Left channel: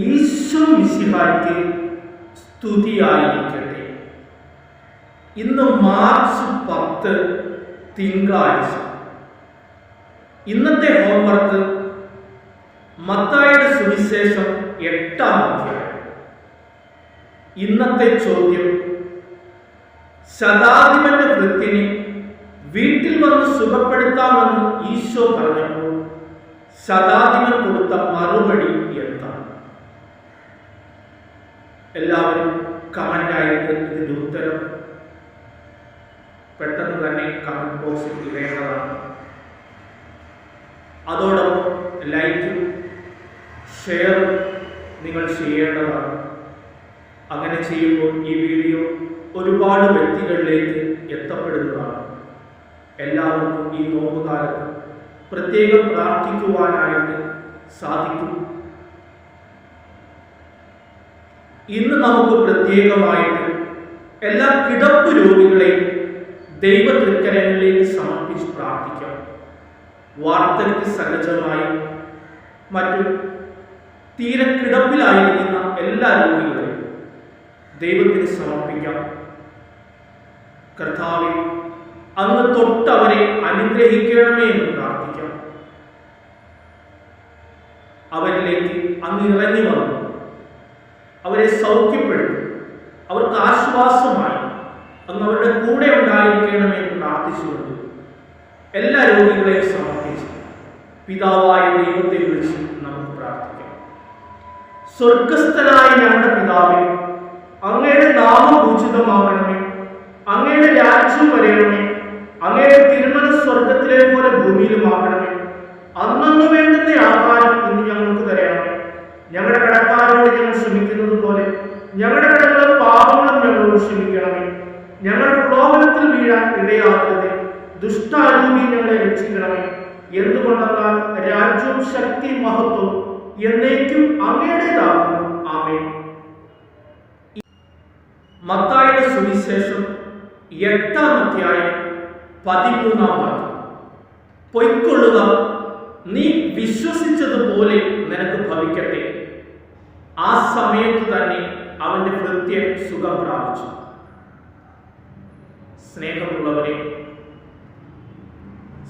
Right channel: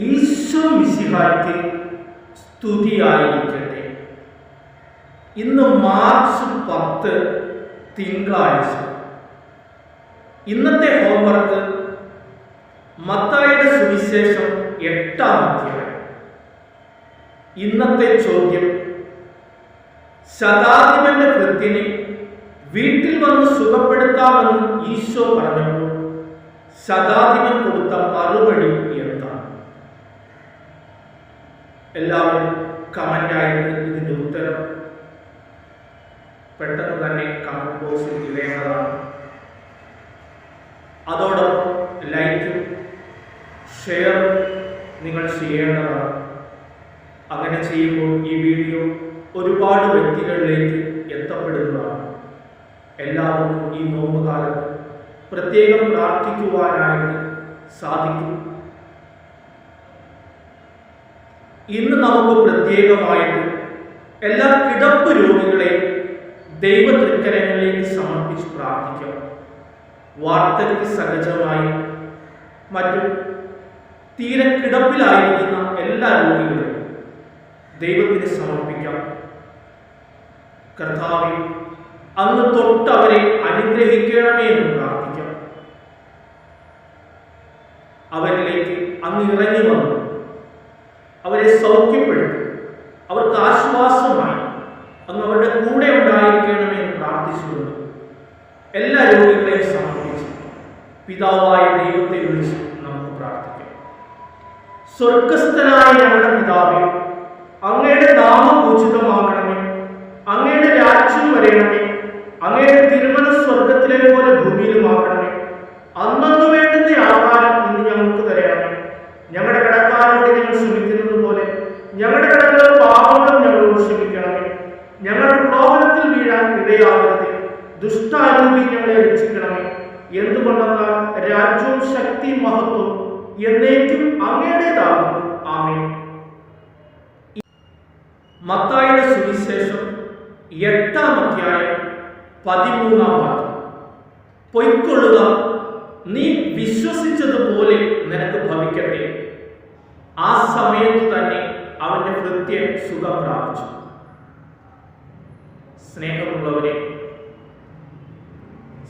ഈശോ മിശിഹായ്ക്ക് സ്തുതിയായിരിക്കട്ടെ. ഇന്ന് മാർച്ച് 10 തിങ്കളാഴ്ച. ഇന്നത്തെ ഹോംവർക്ക് മത്തായിയുടെ സുവിശേഷം 8-ാം അധ്യായം. ഇന്നത്തെ ചോദ്യം: ശതാധിപന്റെ ഭൃത്യനെ വീട്ടിൽ വന്ന് സുഖപ്പെടുത്താമെന്ന് ഈശോ പറഞ്ഞപ്പോൾ ശതാധിപൻ കൊടുത്ത മറുപടി എന്താണ്? എല്ലാവരും കമൻ്റായിട്ട് ഇതിൻ്റെ ഉത്തരം പെട്ടെന്ന് തന്നെ കമൻറ്റ് ബോക്സിൽ ഇടേണ്ടതാണ്. അതോടൊപ്പം ലൈക്കും ഷെയറും നിങ്ങൾ ചെയ്യേണ്ടതാണ്. അങ്ങനെ ചെയ്യുമ്പോൾ ഈ വീഡിയോ ഒരുപാട് വ്യക്തികളിലേക്ക് എത്തപ്പെടുന്നതാണ്. എല്ലാവർക്കും ഈ നോമ്പ് കാലത്ത് പ്രത്യേകം പ്രാർത്ഥിക്കുവാനായിട്ട് സാധിക്കും. ഇന്ന് നമുക്ക് പ്രത്യേകമായിട്ട് എല്ലാ കിടപ്പ് രോഗികളെയും ദൈവ തൃക്കരങ്ങളിലേക്ക് സമർപ്പിച്ച് പ്രാർത്ഥിക്കാം. വാർദ്ധക്യ സഹജമായി മറ്റും തീരെ കിടപ്പിലായിരിക്കുന്ന എല്ലാ രോഗികളെയും ദൈവത്തിന് സമർപ്പിക്കാം. കർത്താവേ, അങ്ങ് തൊട്ടവരെ അനുഗ്രഹിക്കണമേ എന്ന് പ്രാർത്ഥിക്കാം. അവരിലേക്ക് അങ്ങ് ഇറങ്ങി വന്നു അവരെ സൗഖ്യപ്പെടുത്തി അവർക്ക് ആശ്വാസമായി അങ്ങ് അവരുടെ കൂടെ ഉണ്ടായിരിക്കണമേ എന്ന് പ്രാർത്ഥിച്ചുകൊണ്ട് എല്ലാ രോഗികളെയും സമർപ്പിച്ച് പിതാവായ ദൈവത്തെ വിളിച്ച് നമുക്ക് പ്രാർത്ഥിക്കാം. സ്വർഗസ്ഥനായ ഞങ്ങളുടെ പിതാവേ, അങ്ങയുടെ നാമം പൂജിതമാകണമേ, അങ്ങയുടെ രാജ്യം വരയണമേ, അങ്ങയുടെ തിരുമനസ് സ്വർഗത്തിലെ പോലെ ഭൂമിയിലുമാകണമേ. അന്നു വേണ്ടുന്ന ആഹാരം ഇന്ന് ഞങ്ങൾക്ക് തരണമേ. ഞങ്ങളുടെ കടക്കാരോട് ഞങ്ങൾ ക്ഷമിക്കുന്നത് പോലെ ഞങ്ങളുടെ കടങ്ങളും പാപങ്ങളും ഞങ്ങളോട് ക്ഷമിക്കണമേ. ഞങ്ങളുടെ പ്രലോഭനത്തിൽ വീഴാൻ ഇടയാകരുതേ, ദുഷ്ടാരൂപി ഞങ്ങളെ രക്ഷിക്കണമേ. എന്തുകൊണ്ടെന്നാൽ രാജ്യവും ശക്തി മഹത്വം എന്നേക്കും അങ്ങയുടേതാകുന്നു. ആമേൻ. മത്തായിയുടെ സുവിശേഷം 8-ാം അധ്യായം 13-ാം വാക്യം: പൊയ്ക്കൊള്ളുക, നീ വിശ്വസിച്ചതുപോലെ നിനക്ക് ഭവിക്കട്ടെ. ആ സമയത്ത് തന്നെ അവന്റെ ഭൃത്യൻ സുഖം പ്രാപിച്ചു. സ്നേഹമുള്ളവരെ,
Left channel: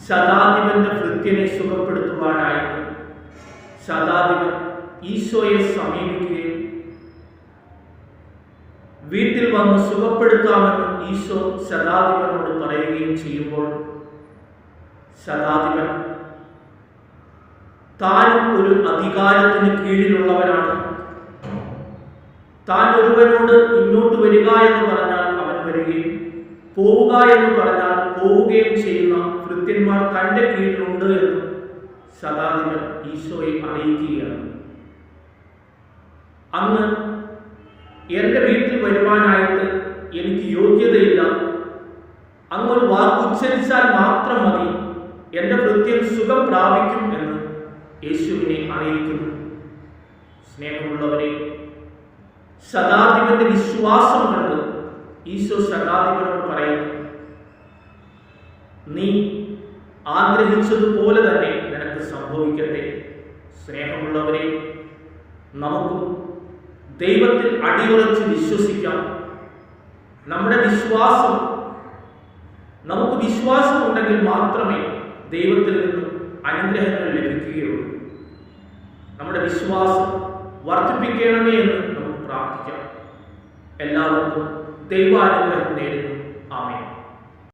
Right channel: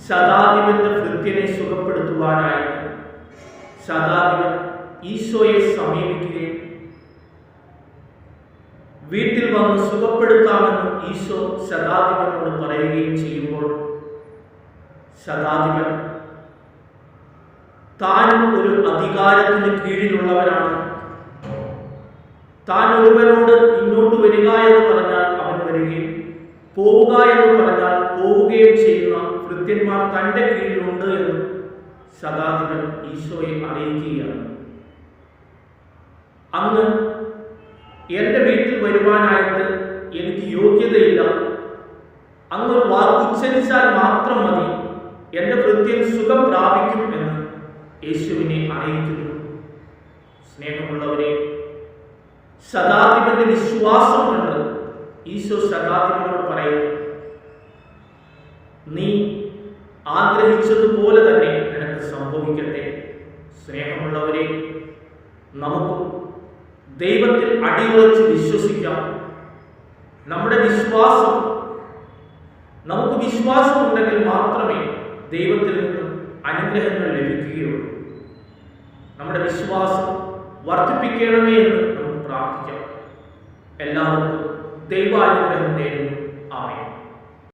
ശതാധിപന്റെ ഭൃത്യനെ സുഖപ്പെടുത്തുവാനായിട്ട് ശതാധിപൻ ഈശോയെ സമീപിക്കുകയും വീട്ടിൽ വന്ന് സുഖപ്പെടുത്താമെന്ന് ഈശോ ശതാധിപനോട് പറയുകയും ചെയ്യുമ്പോൾ ശതാധിപൻ താൻ ഒരു അധികാരത്തിന് കീഴിലുള്ളവനാണ്, താൻ ഒരുവനോട് ഇങ്ങോട്ട് വരിക എന്ന് പറഞ്ഞാൽ അവൻ വരികയും പോവുക എന്ന് പറഞ്ഞാൽ പോവുകയും ചെയ്യുന്ന ഭൃത്യന്മാർ തൻ്റെ കീഴിലുണ്ട് എന്ന് ശതാധിപൻ ഈശോയെ അറിയിക്കുകയാണ്. അന്ന് എൻ്റെ വീട്ടിൽ വരുവാനായിട്ട് എനിക്ക് യോഗ്യതയില്ല, അങ്ങൊരു വാക്കുച്ചരിച്ചാൽ മാത്രം മതി, എൻ്റെ ഭൃത്യൻ സുഖം പ്രാപിക്കും എന്ന് യേശുവിനെ അറിയിക്കുന്നു. സ്നേഹമുള്ളവരെ, ശതാധിപന്റെ വിശ്വാസം കണ്ട് ഈശോ ശതാധിപനോട് പറയുന്നു, നീ ആഗ്രഹിച്ചതുപോലെ തന്നെ നിനക്ക് സംഭവിക്കട്ടെ. സ്നേഹമുള്ളവരെ, നമുക്കും ദൈവത്തിൽ അടിയുറച്ച് വിശ്വസിക്കാം. നമ്മുടെ വിശ്വാസം, നമുക്ക് വിശ്വാസമുണ്ടെങ്കിൽ മാത്രമേ ദൈവത്തിൽ നിന്നും അനുഗ്രഹങ്ങൾ ലഭിക്കുകയുള്ളൂ. നമ്മുടെ വിശ്വാസം വർദ്ധിപ്പിക്കണമേ എന്ന് നമുക്ക് പ്രാർത്ഥിക്കാം. എല്ലാവർക്കും ദൈവാനുഗ്രഹം നേരുന്നു. ആമേൻ.